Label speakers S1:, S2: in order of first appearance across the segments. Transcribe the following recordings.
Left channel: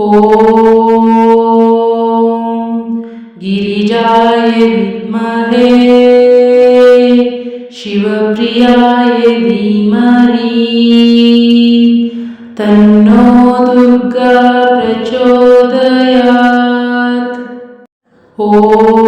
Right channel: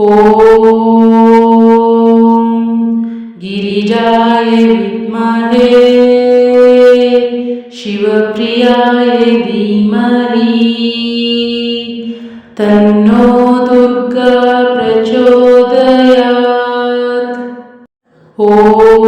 S1: ॐ गिरिजाय विद्महे शिवप्रियाय धीमहि तन्नो दुर्गा प्रचोदयात्। ॐ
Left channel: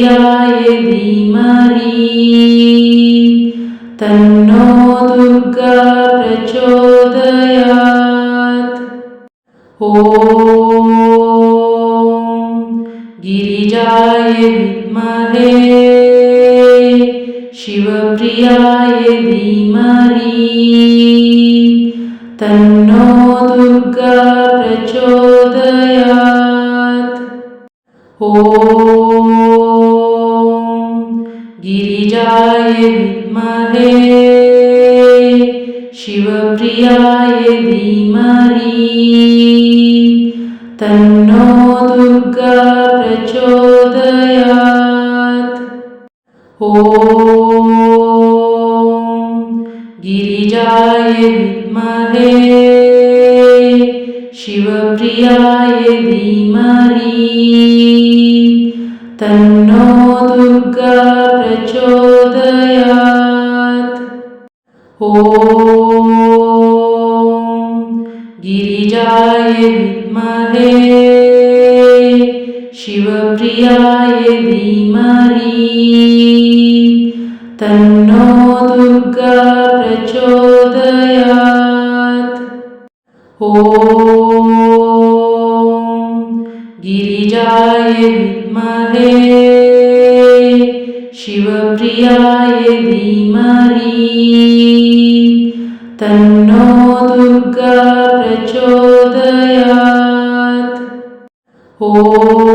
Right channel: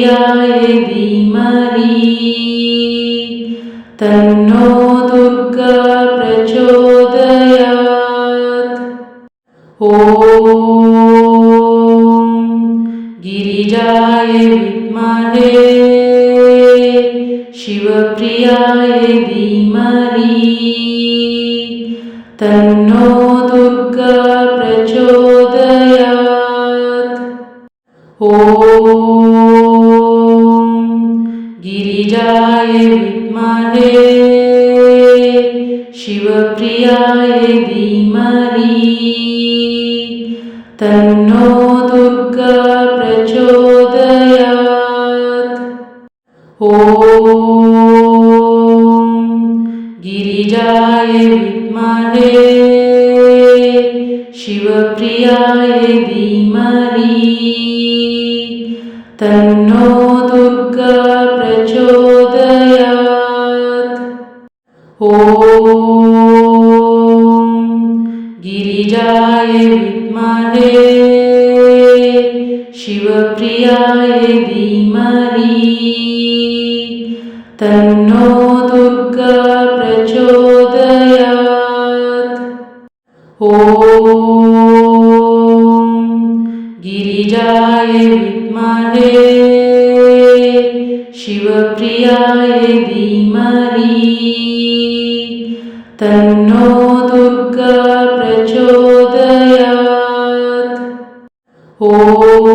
S1: शिवप्रियाय तन्नो दुर्गा प्रचोदयात्। ॐ गिरिजाय विद्महे शिवप्रियाय धीमहि। तन्नो दुर्गा प्रचोदयात्। ॐ धीमहि तन्नो दुर्गा प्रचोदयात्। ॐ गिरिजाय विद्महे। शिवप्रियाय धीमहि। तन्नो दुर्गा प्रचोदयात्। ॐ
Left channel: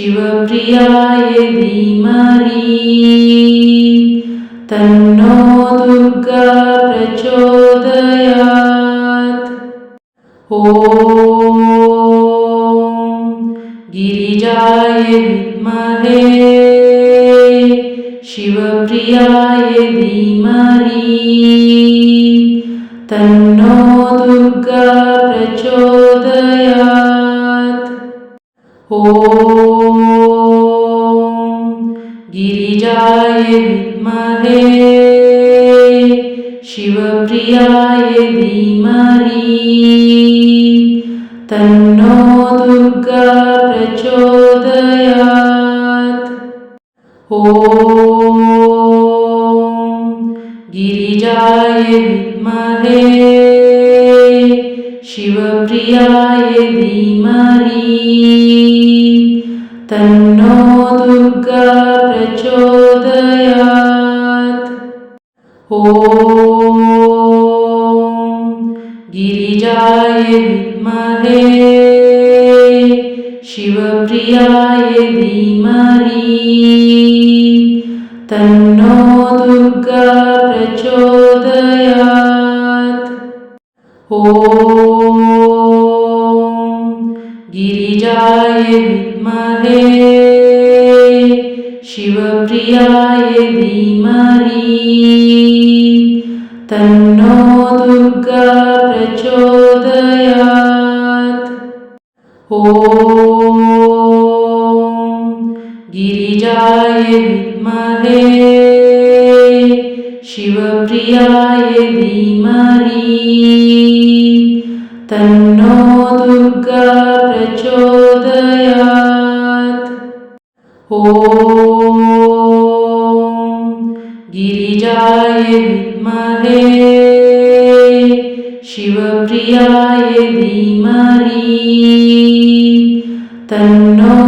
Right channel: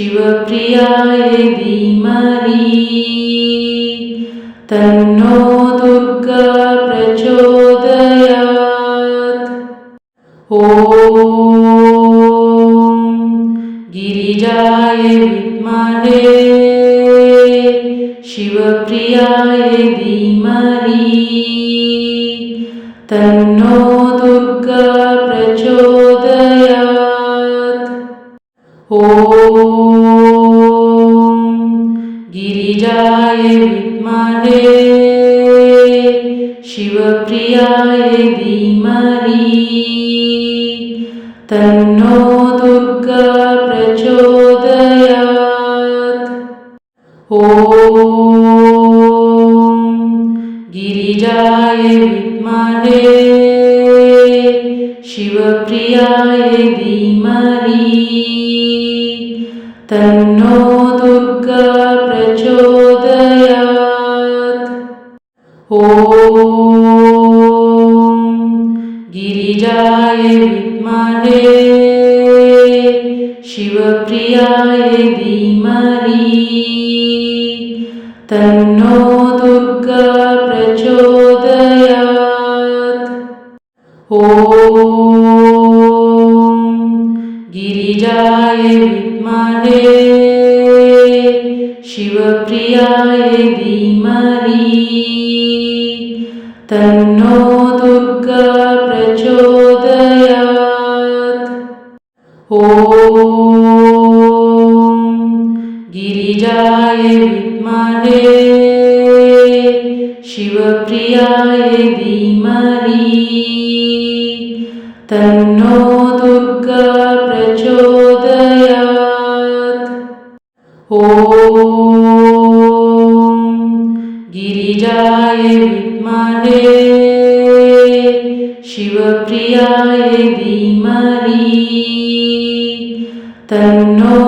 S1: शिवप्रियाय धीमहि। तन्नो दुर्गा प्रचोदयात्। ॐ तन्नो दुर्गा प्रचोदयात्। ॐ गिरिजाय विद्महे शिवप्रियाय धीमहि। तन्नो दुर्गा प्रचोदयात्। ॐ गिरिजाय विद्महे। शिवप्रियाय शिवप्रियाय धीमहि। तन्नो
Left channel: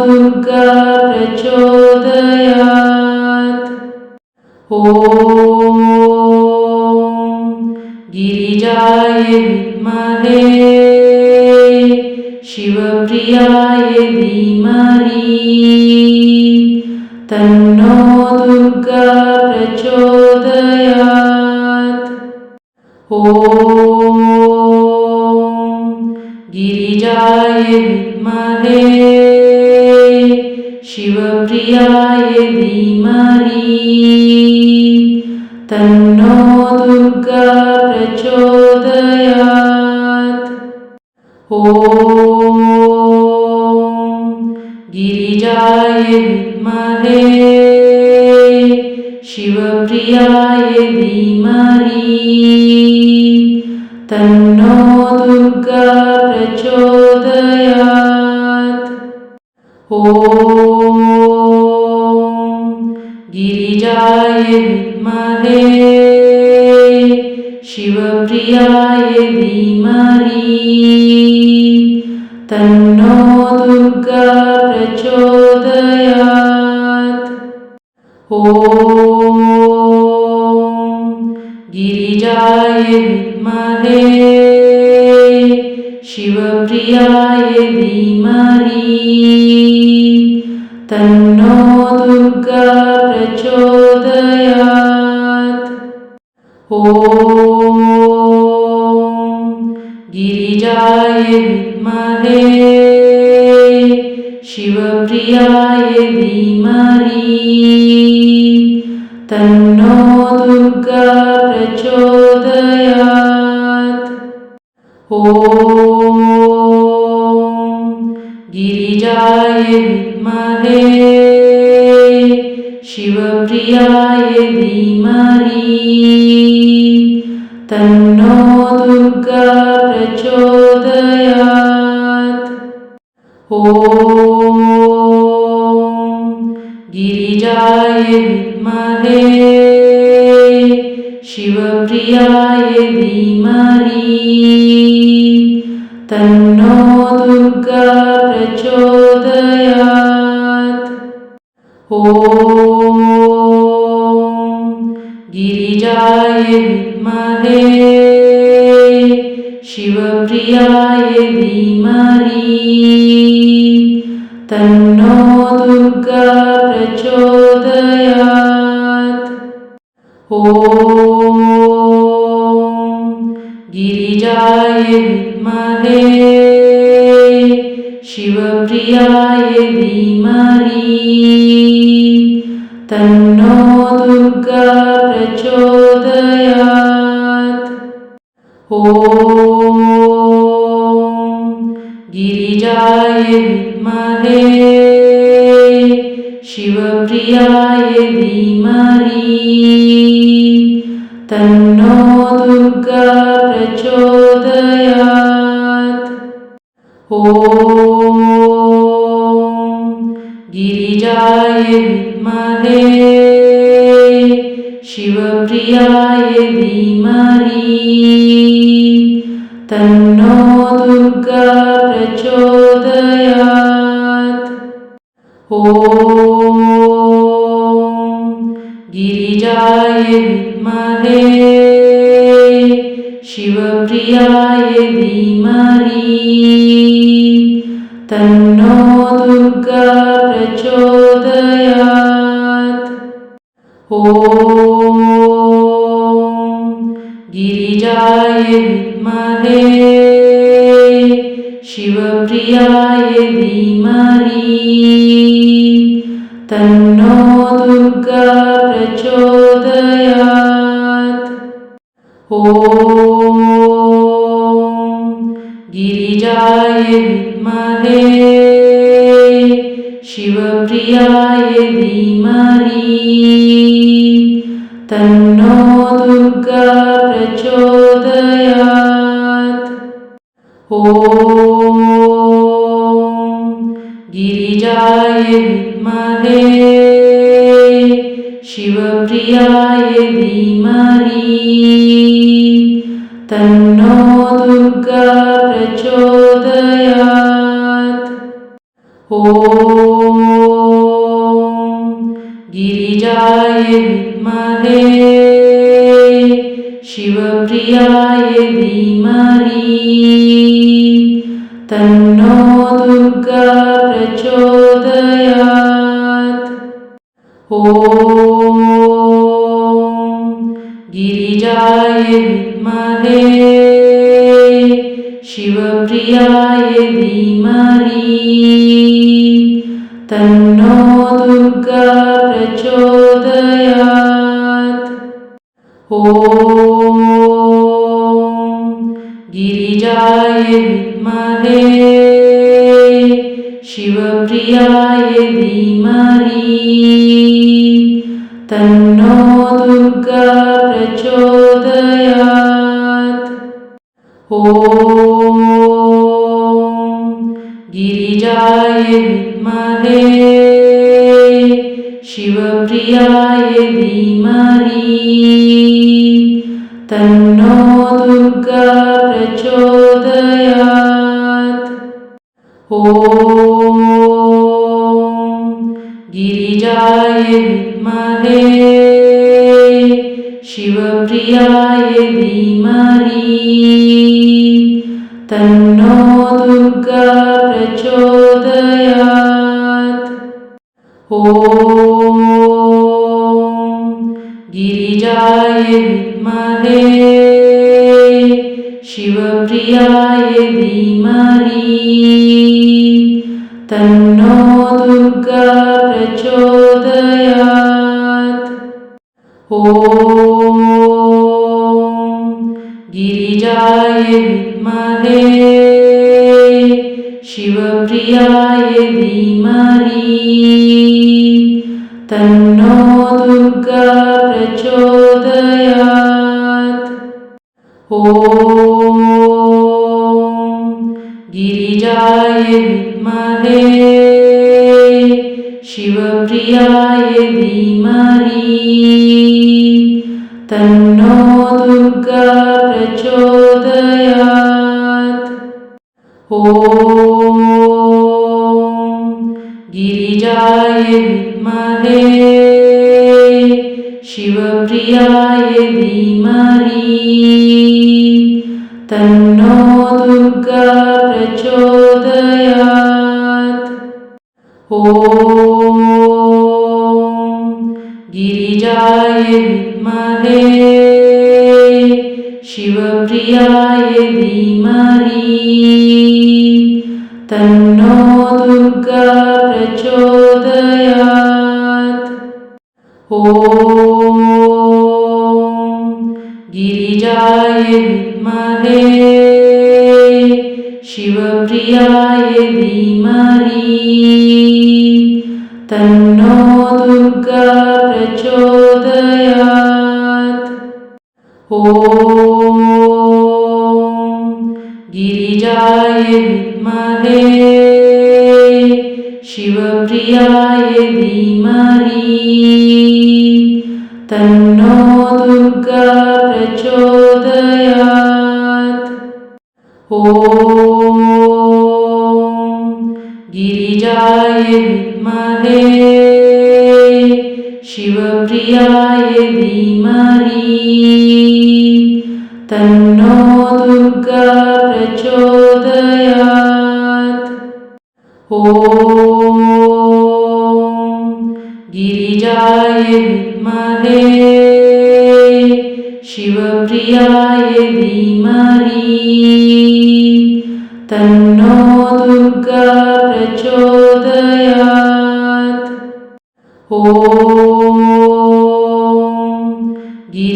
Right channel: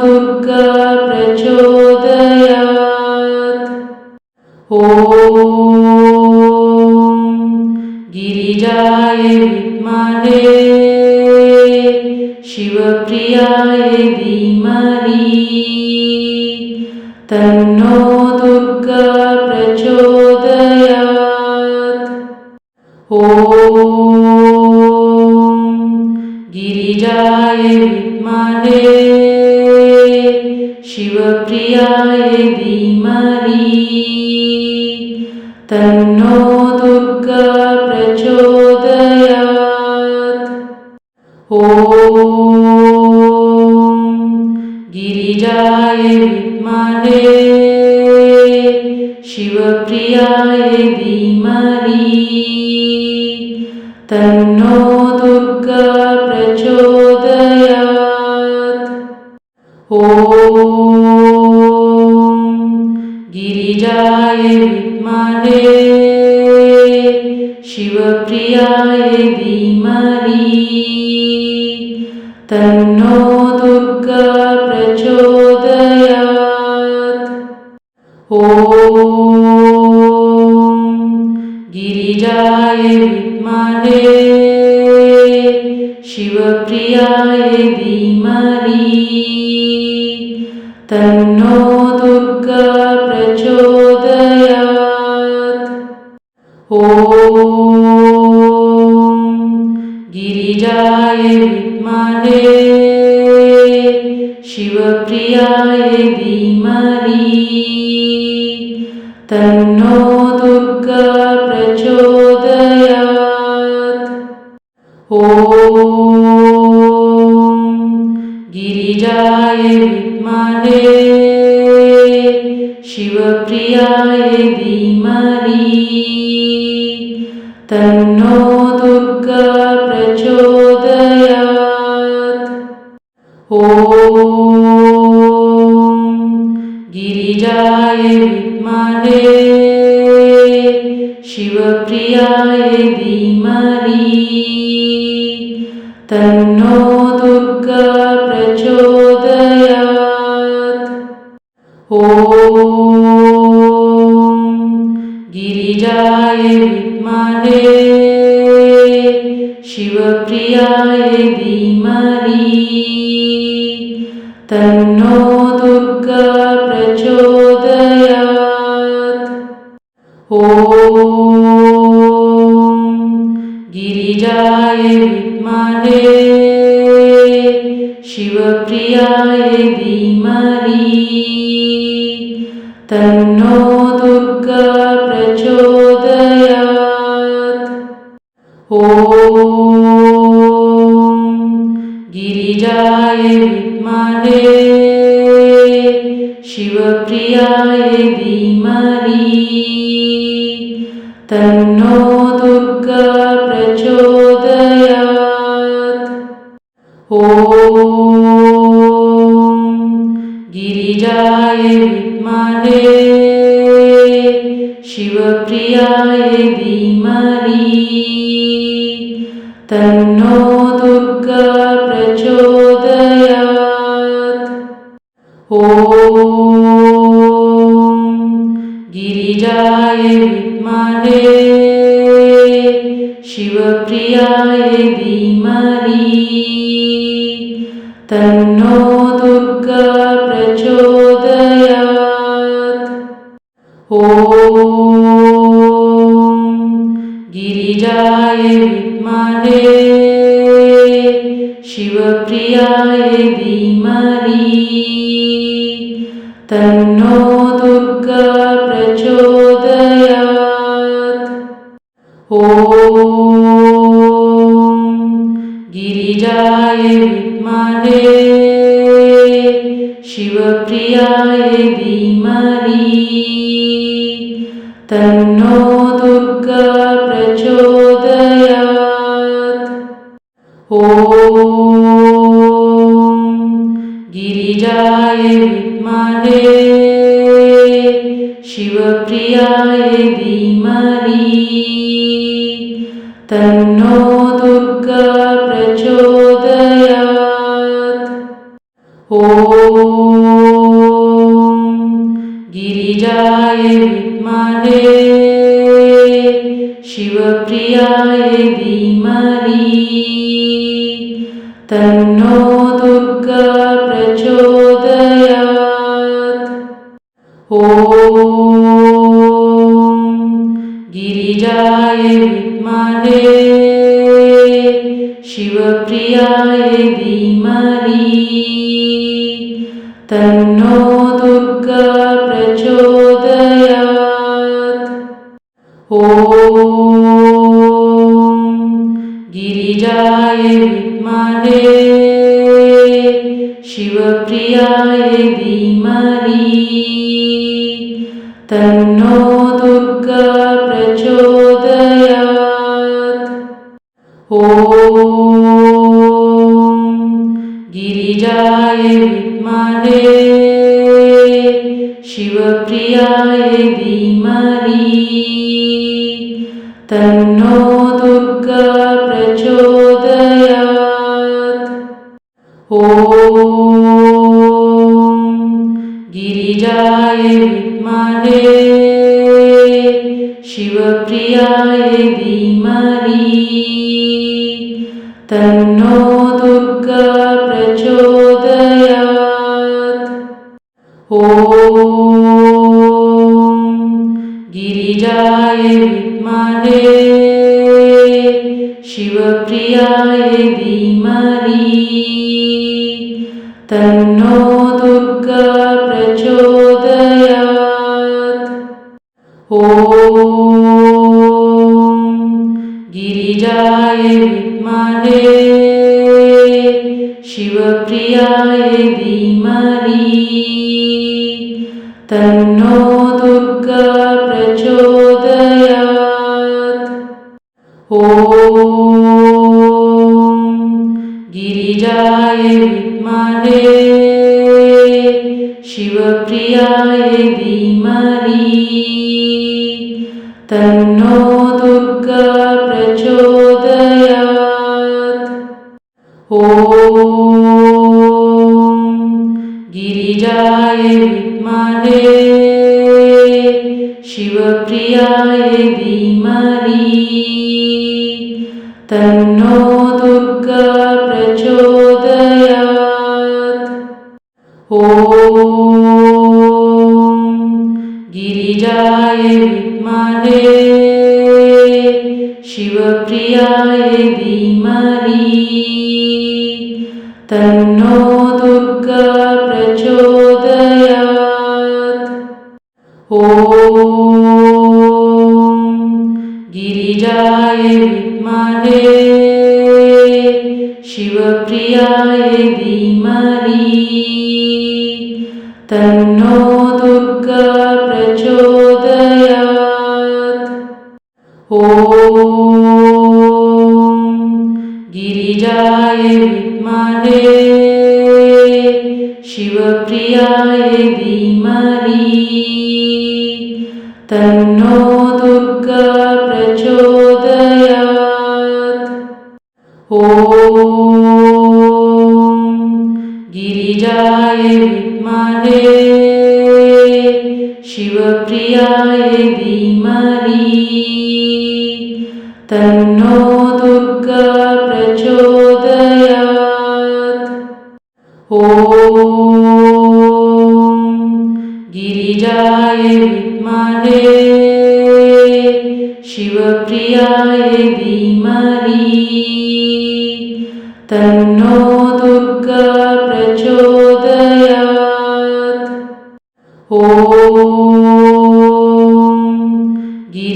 S1: दुर्गा प्रचोदयात् ॐ যায় शिवप्रियाय धीमहि। तन्नो दुर्गा दुर्गा प्रचोदयात् ॐ जाय विद्महे शिवप्रियाय प्रियाय धीमहि। तन्नो दुर्गा प्रचोदयात्। ॐ Oh. गिरिजाय विद्महे। शिवप्रियाय धीमहि। तन् यदिमरी तन्नो दुर्गा प्रचोदयात्। ॐ Oh. गिरिजाय विद्महे शिवप्रियाय धीमहि। तन्नो दुर्गा प्रचोदयात्। ॐ ಶ್ರೀ तन्नो दुर्गा प्रचोदयात् ಪ್ರಚೋದಯಾತ್ Oh.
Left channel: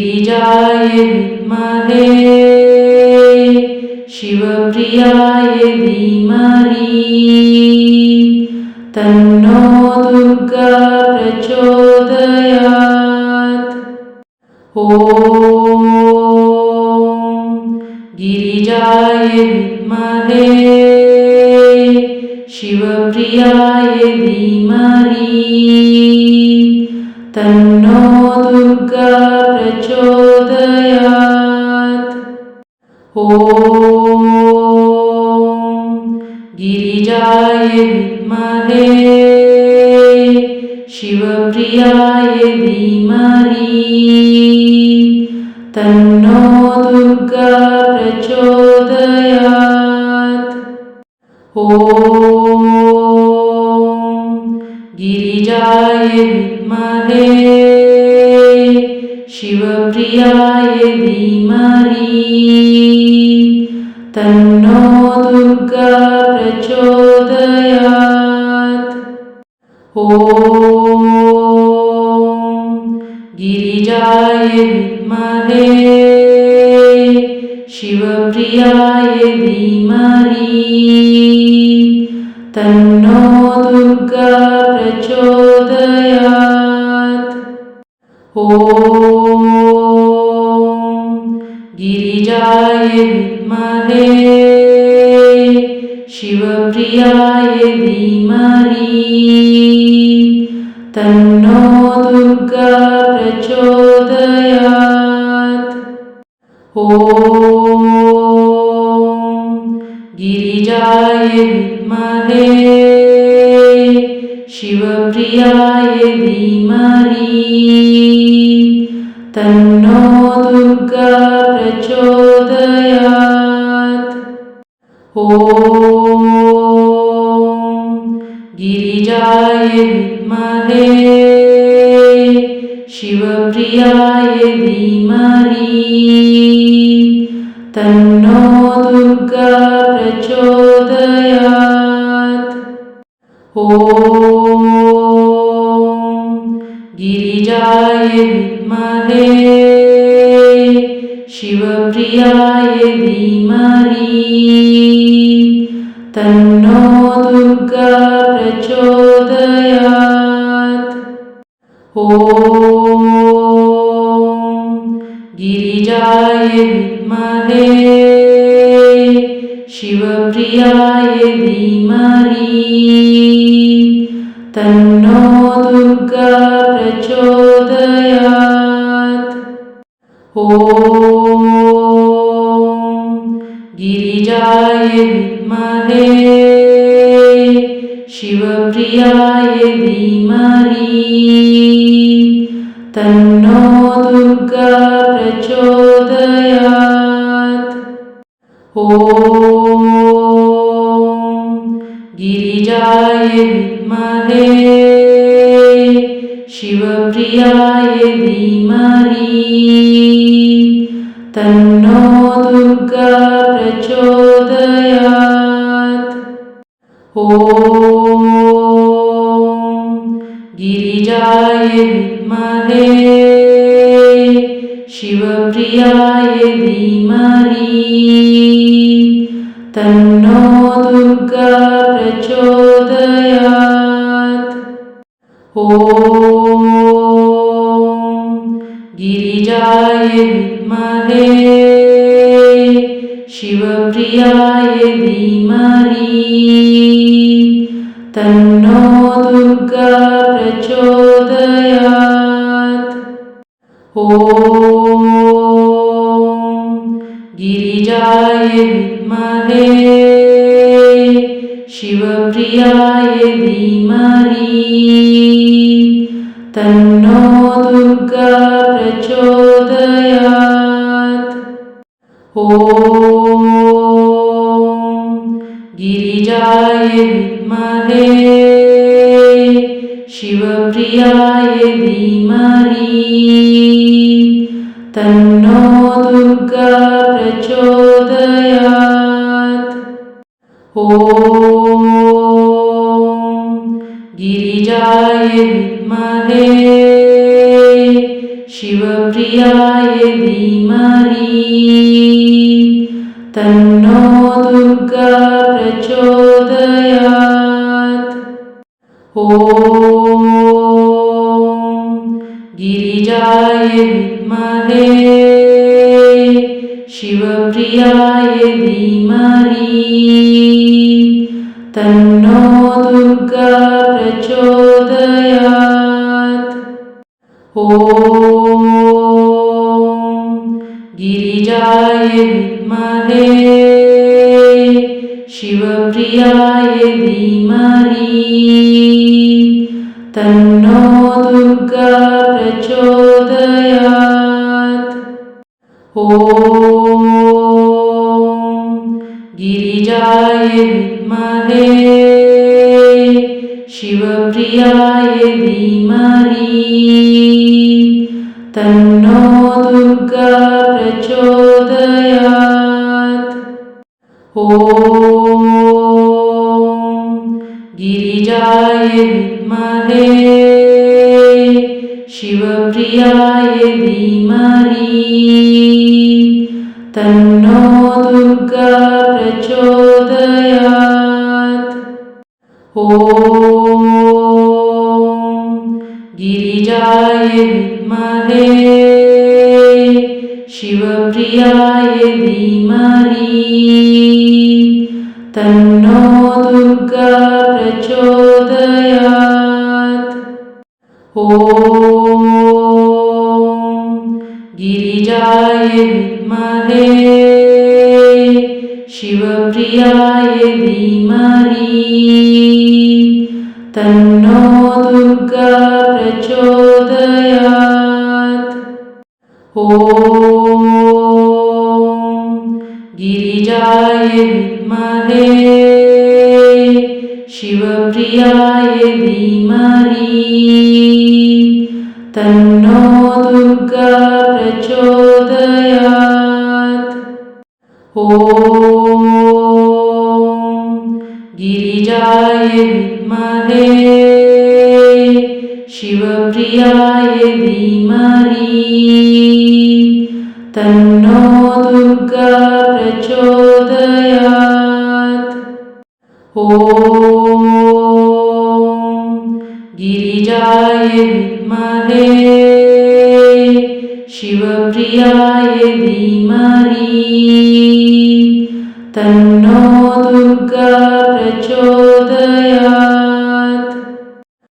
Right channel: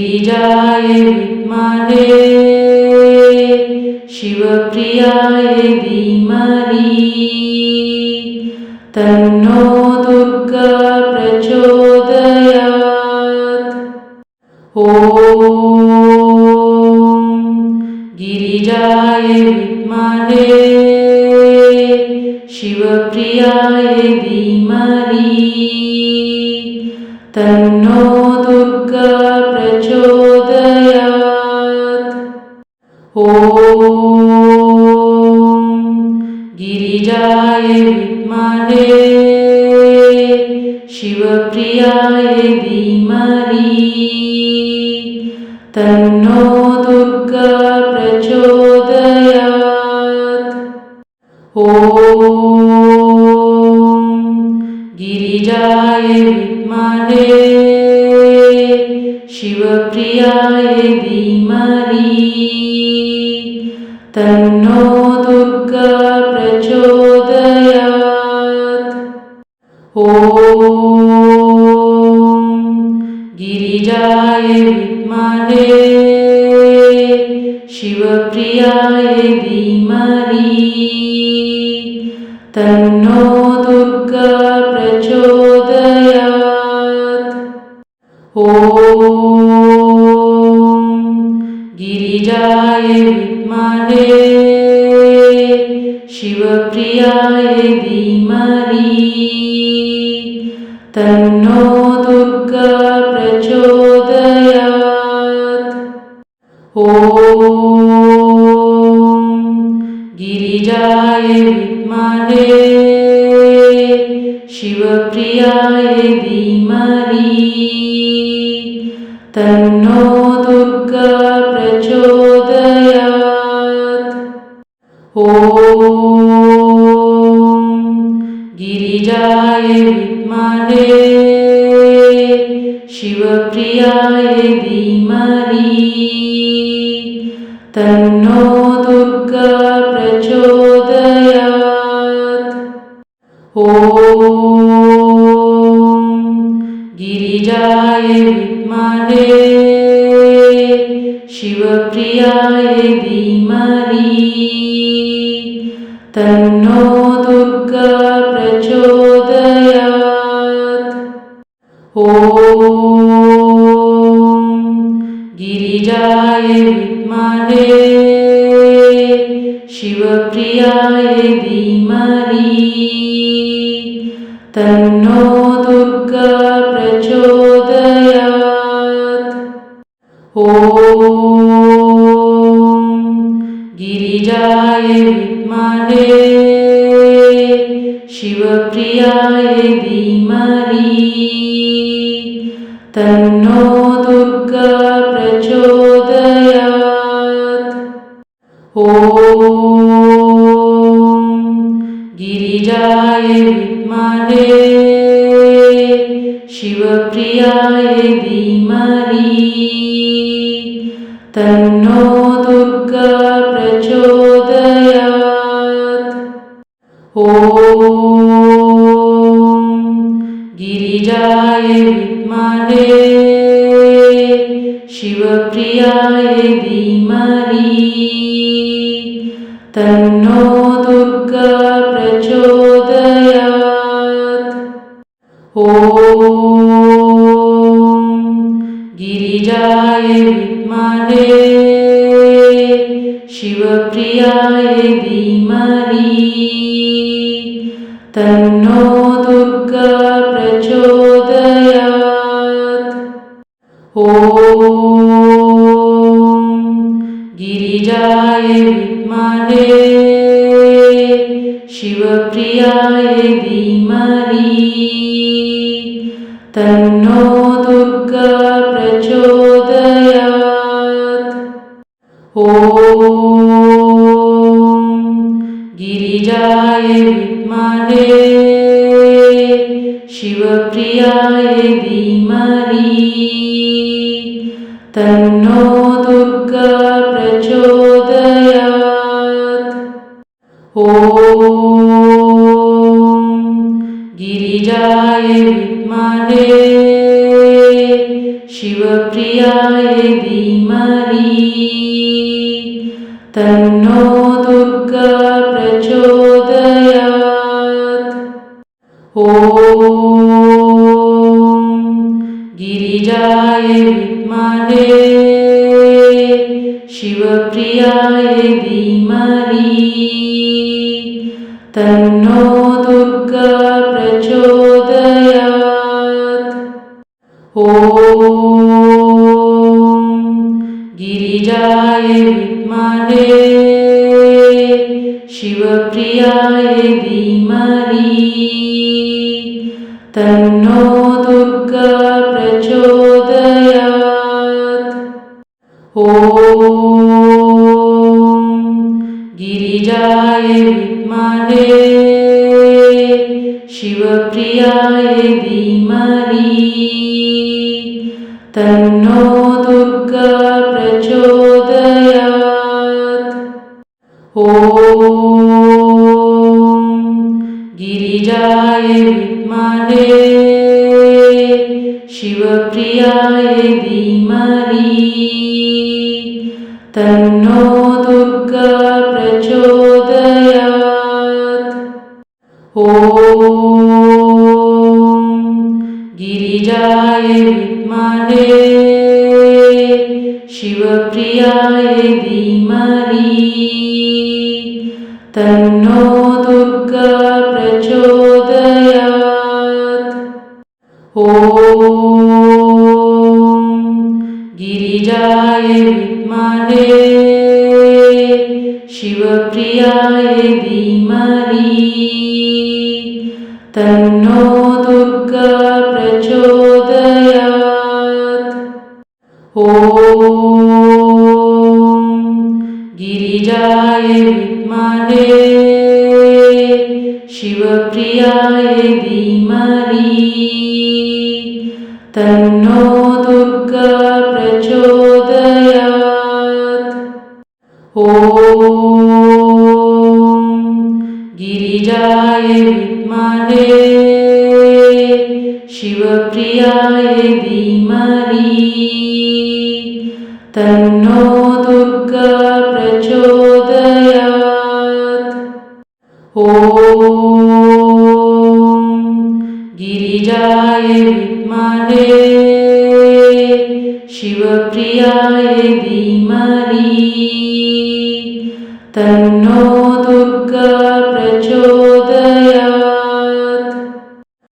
S1: श्रीबीजाय विद्महे। शिवप्रियाय धीमहि। तन् then Oh. शिवप्रियाय विद्महे शिवप्रियाय तन्नो दुर्गा प्रचोदयात्। ॐ गिरिजाय विद्महे शिवप्रियाय ॐ गिरिजाय विद्महे शिवप्रियाय शिव प्रिया तन्नो दुर्गा प्रचोदयात्। ॐ गिरिजाय विद्महे शिवप्रियाय ॐ गिरिजाय विद्महे शिवप्रियाय शिव शिवप्रियाय तन्नो दुर्गा प्रचोदयात्। ॐ गिरिजाय विद्महे शिवप्रियाय धीमहि। तन्नो दुर्गा प्रचोदयात्। ॐ Maria